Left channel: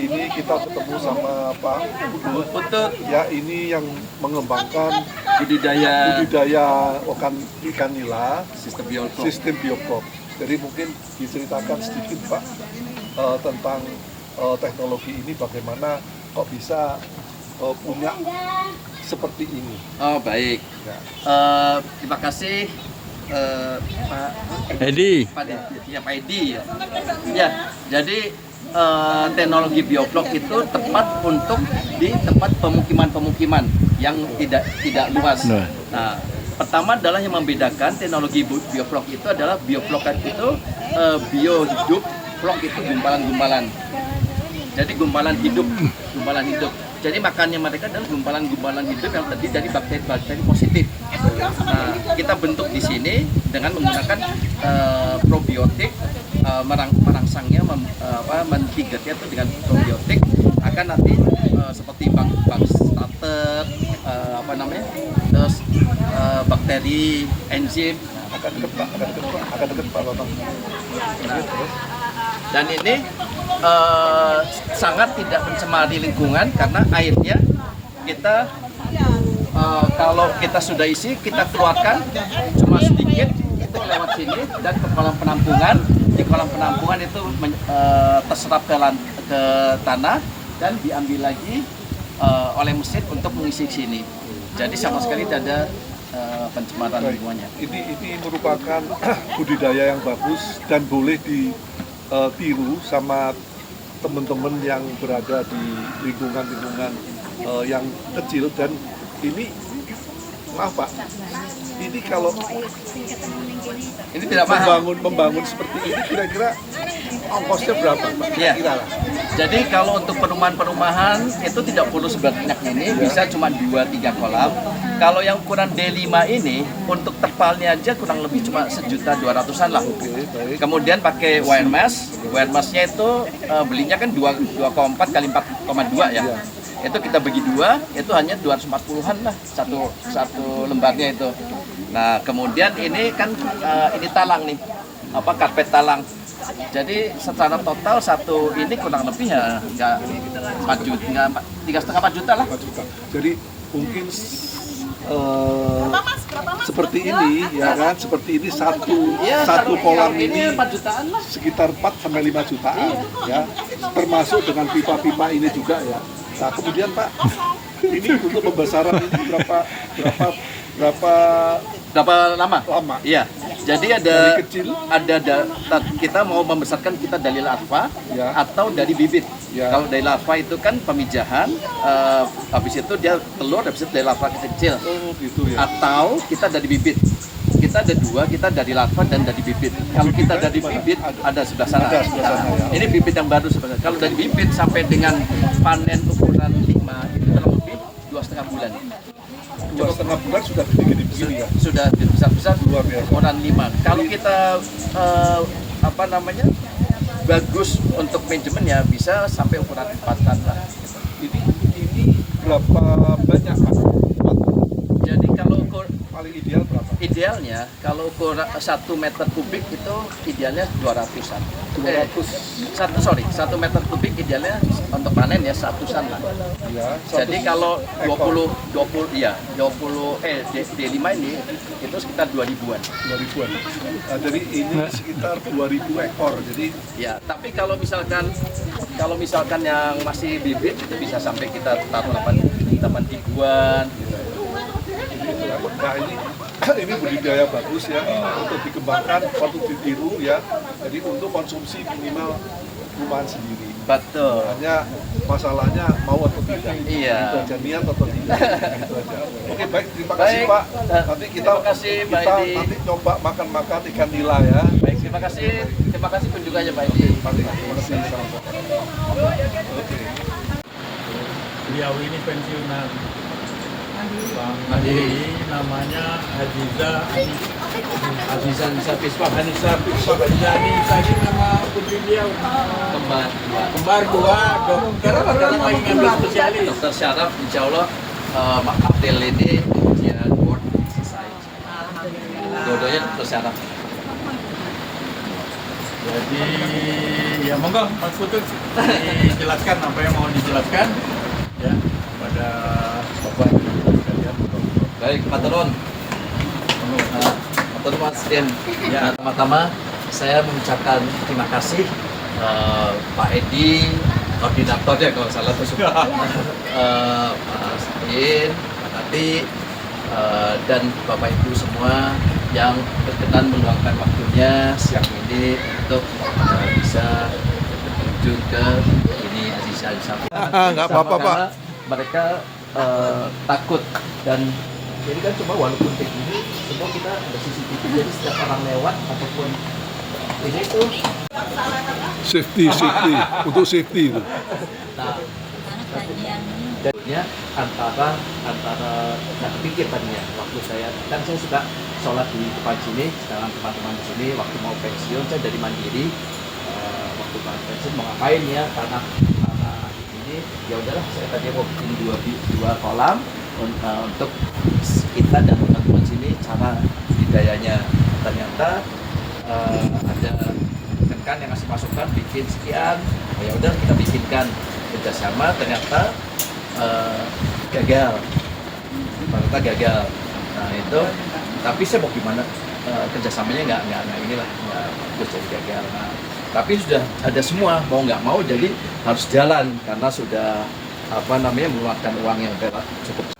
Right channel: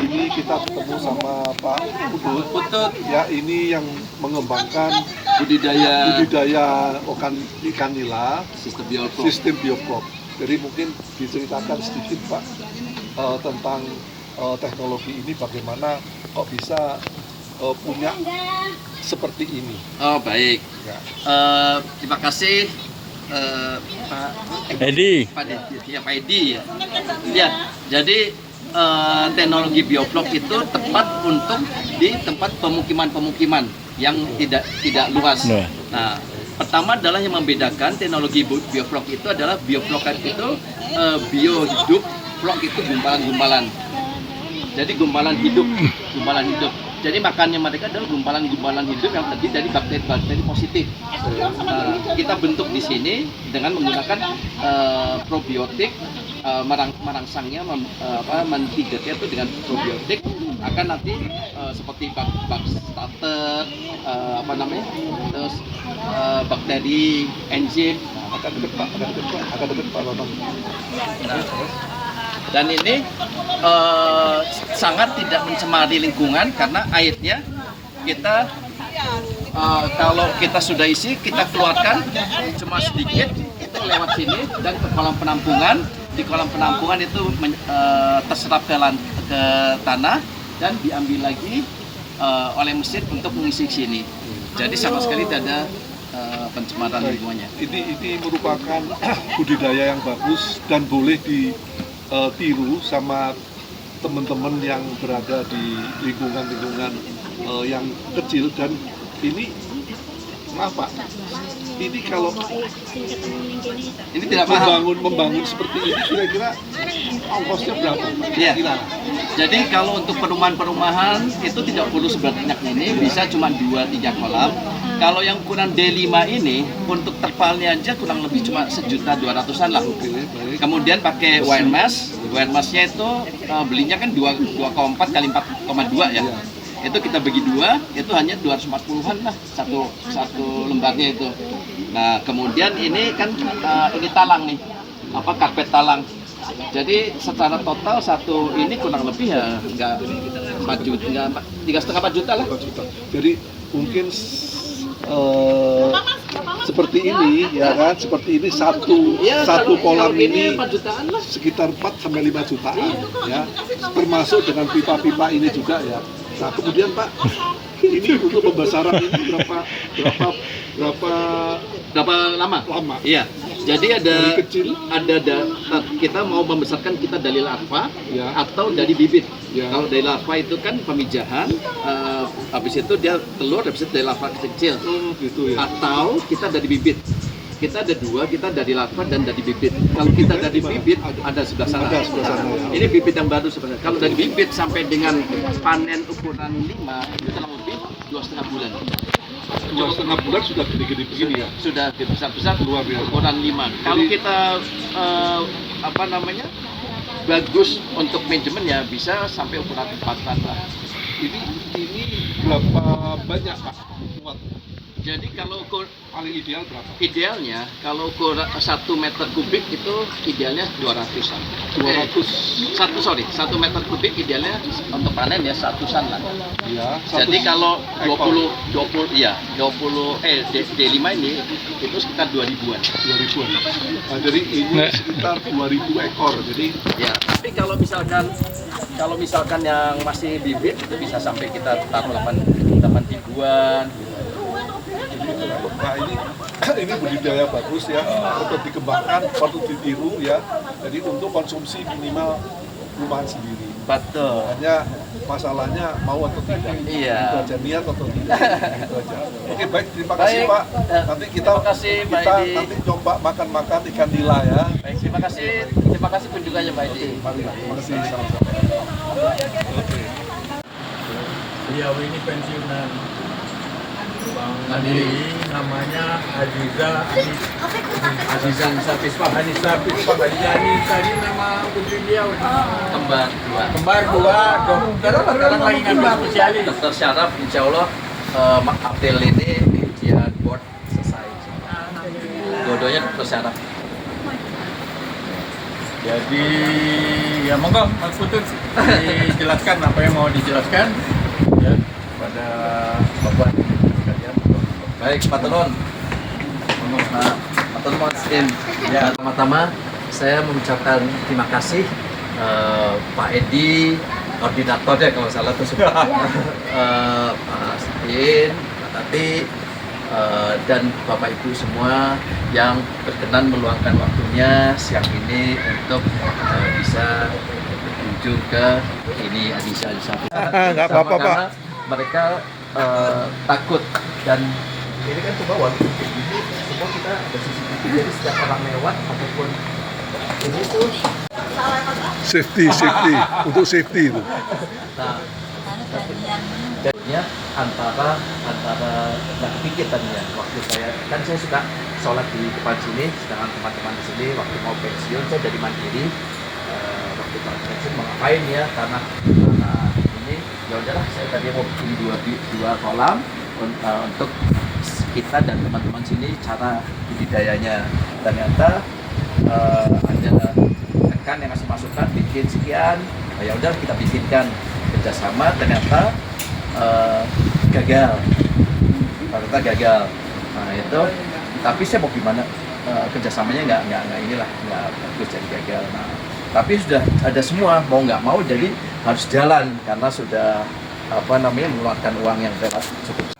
ini kita ketemu sama Pak Putut. Ya, ini yang mengembangkan budidaya ikan nila sistem bioflok. Jadi mungkin diceritakan sedikit Pak tentang teknologi ini, bagaimana kok bisa punya seperti ini. Oh baik. Ya. Terima kasih Pak Edi. Pak Edi ya. Ya, jadi teknologi bioflok itu tepat untuk di tempat pemukiman-pemukiman yang tidak luas. Nah, pertama adalah yang membedakan teknologi bioflok itu adalah bioflok itu bio hidup, flok itu gumpalan-gumpalan. Jadi gumpalan hidup. Jadi makannya mereka adalah gumpalan-gumpalan hidup yang terdiri dari bakteri-bakteri positif. Nah, kita bentuk di sini dengan menggunakan probiotik, merangsangnya, mentigatnya itu dengan probiotik akan nanti seperti bak starter, terus bakteri, enzim. Akan deket Pak Bambang. Nah, dan ini sangat tidak mencemari lingkungan karena airnya kita kalau kita sudah isi kita keluarkan cuma sedikit itu lewat sini dan ke kolam penampungan. Di kolam penampungan itu terserap ke tanah dan diambil lagi oleh mesin untuk mengisi sini. Jadi sama sekali tidak ada pencemaran lingkungannya. Ini merupakan budidaya yang bagus dan boleh ditiru sama teman-teman yang berada di lingkungan-lingkungan yang kecil. Dan ini, maaf Pak, ini kalau ini tidak mahal. membangun seperti ini kira-kira ongkosnya berapa Pak? Ya. Kira-kira. Jadi kalau untuk perumahan-perumahan itu tidak perlu sebanyak ini, bisa cuma 2-3 kolam. Kalau yang ukuran D5 ini untuk terpalnya aja kurang lebih cuma 1.200.000-an lah. Oke, baik. Kemudian pakai wire mesh. Wire mesh-nya itu belinya kan 2,4 kali 4,2 ya. Itu kita bagi 2, itu hanya 240-an lah satu lembarnya itu. Nah, kemudian ini kan ini talang nih. Karpet talang. Jadi secara total satu ini kurang lebih ya enggak 4 juta, enggak 3,5 4 juta lah. Jadi mungkin seperti ini ya kan, seperti ini satu kolam ini sekitar 4 sampai 5 jutaan ya, termasuk dengan pipa-pipa ini juga ya. Nah kemudian Pak, ini untuk pembesaran ini berapa lama? Iya. Jadi dari kecil kita mau membesarkan kita dari larva ya, atau dari bibit. Ya. Kalau dari larva itu kan pemijahan, habis itu dia telur, habis itu dari larva kecil. Gitu ya. Atau kita dari bibit. Kita ada 2, kita dari larva dan dari bibit. Kalau kita dari bibit ada sebelah sana. Ini bibit yang baru sebenarnya. Kalau dari bibit sampai dengan panen ukuran 5 itu kurang lebih 2,5 bulan. 2,5 bulan sudah gede-gede begini ya. Sudah besar-besar, Luar biasa. ukuran 5. Kalau kita bagus untuk manajemen ya bisa sampai ukuran 4-an lah. Ini berapa banyak Pak? Jadi kalau Paling ideal berapa? idealnya kalau ukuran 1 meter kubik itu idealnya 200-an. 1 meter kubik idealnya untuk panen ya 100-an lah. Ya, Jadi kalau ekor. 20 D5 ini itu sekitar 2.000-an. 2.000-an. Nah, jadi ini sekitar 2.000 ekor. Jadi Ya, tapi kalau misalkan yang masih bibit itu bisa sampai kita taruh 8.000-an gitu. nah ini budidaya bagus ya, untuk dikembangkan, patut ditiru ya. Jadi untuk konsumsi minimal rumahan sendiri. Betul. Hanya masalahnya mau atau tidak. Iya. Itu aja, niat atau tidak. Itu aja. Oke, baik, terima kasih Baik. Pak. Nanti kita Terima kasih, Pak Edi. nanti coba makan ikan nila ya. Baik, terima kasih kunjungannya Pak Edi. Terima kasih sama-sama. Oke. Beliau ini pensiunan Bang Adi, namanya Aziza Anissa Pispa. Anissa ini tadi nama putri dia. Kembar dua dokter sekarang lagi ngambil spesialis. Dokter Syaraf, insya Allah April ini ujian board selesai. Dua-duanya dokter Syaraf. Jadi ya monggo Mas Putut dijelaskan apa yang mau dijelaskan ya pada Bapak Ibu sekalian. Baik, Pak Telon. Pak Telon Mas In. Ya, pertama-tama saya mengucapkan terima kasih Pak Edi, koordinatornya kalau salah itu Mas In, Pak Tati, dan Bapak Ibu semua yang berkenan meluangkan waktunya siang ini untuk bisa berkunjung ke ini Aziza Al-Safi. Nggak apa-apa, Pak. Mereka takut dan ini kan cuma walaupun kayak gini, semua kita ada CCTV, jadi setiap orang lewat ataupun ini tuh Safety, untuk safety itu. nah, jadinya antara nggak kepikir tadinya waktu saya suka sholat di depan sini, sedangkan teman-teman di sini waktu mau pensiun saya jadi mandiri. Waktu pensiun mau ngapain ya karena ini ya udahlah saya tadi mau bikin dua kolam untuk kita dan teman-teman sini cara budidayanya. Ternyata ada rekan yang ngasih masukan bikin sekian, ya udah kita bikinkan kerjasama, ternyata gagal. Nah itu, tapi saya mau gimana kerjasamanya nggak bagus jadi gagal. Nah, tapi sudah ada semua mau nggak mau jadi harus jalan karena sudah mengeluarkan uang yang cukup.